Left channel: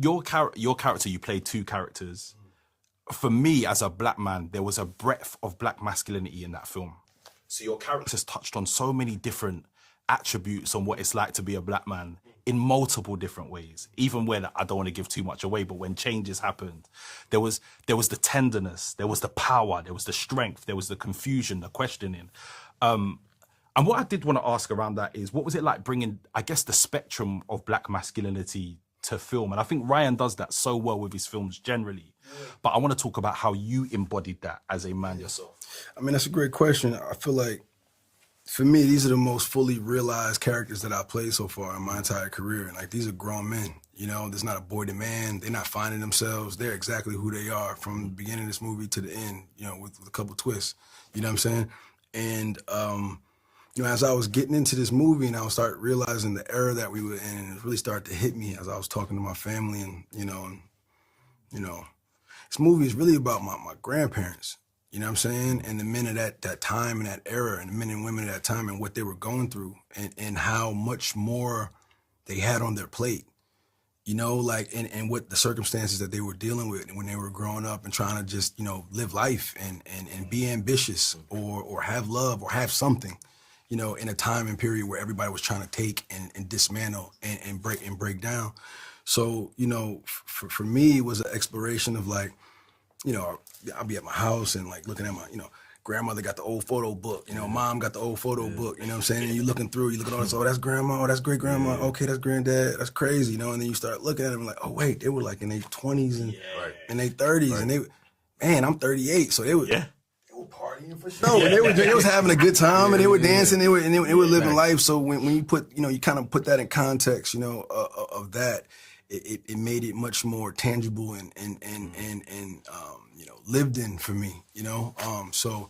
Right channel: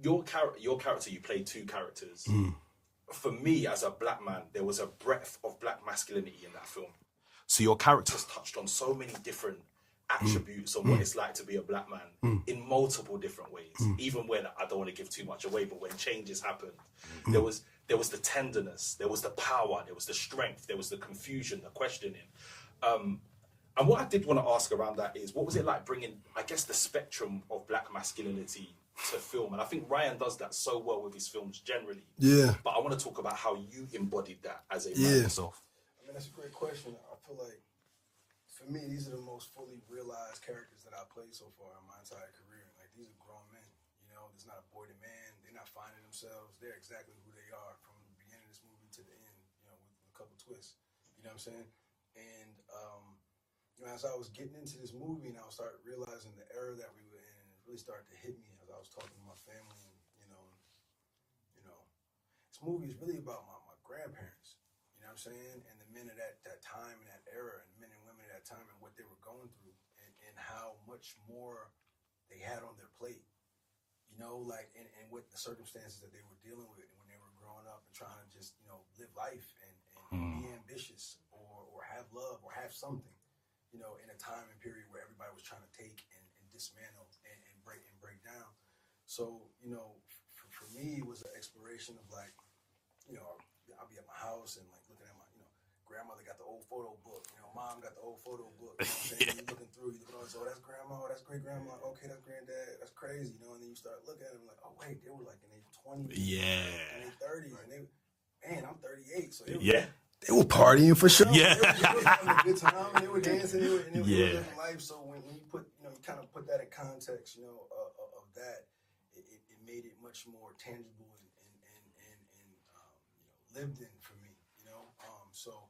your character, you played two characters. For me, as a black man, there was a breadth of black masculinity in that film. So your characters touched on so many different attributes on what it's like to be a black man in multiple different ways. Even when, I don't want to give too much away, but when changes happened, there was the tenderness, there was the power, there was the strength, there was the confusion, the questioning. And what I did want to ask around that is, what was it like bringing, I guess, the spectrum of black masculinity to film? And I think Ryan does that so well with his films generally. Yeah. But I want to talk about how you embodied that as a man yourself. I mean, that's a great question. I feel like, for me, these are the most fully realized characters that I've played so far in my entire career. And like, these are grown men, you know, there's not a boy to man. They're not finding themselves. They're exactly who they are from the beginning of this movie to the end, you know, with a couple twists, you know what I'm saying? And, you know, as I was getting into this movie and I was start realizing the era that we were in, and it really started to hit me as I was talking to my family and, you know, this movie is really about my grandparents. You know what I'm saying? And the men of that time and that era, and the men and women of that time and what they were going through, and how much more they had on their plate. You know, like, and what the circumstances that they were dealing with when they were growing up and trying to just, you know, live life and be ambitious or have love or have something, you know, in a time and period where everybody was trying to take and dismantle and break down. So, you know, for me, it was an exploration of like, you know, I'll be at my house and like looking at my, you know, grandmother got the old photo book, you know, mom got the old photo book, you know what I'm saying? And you're looking through, you look at all this, oh, that's grandma, oh, that's great grandma, okay, that's granddad, that's crazy, you know, and then you start looking at them like, oh, wait, they were like in their 20s and in their 30s, and they, man, I'm 38, so they were partying for sure. They was having a good time, and they were dancing, they were living life. So when you put, you know, you kind of put that in context, you know, of that, it made it much more tangible and you know, lived in for me, you know. So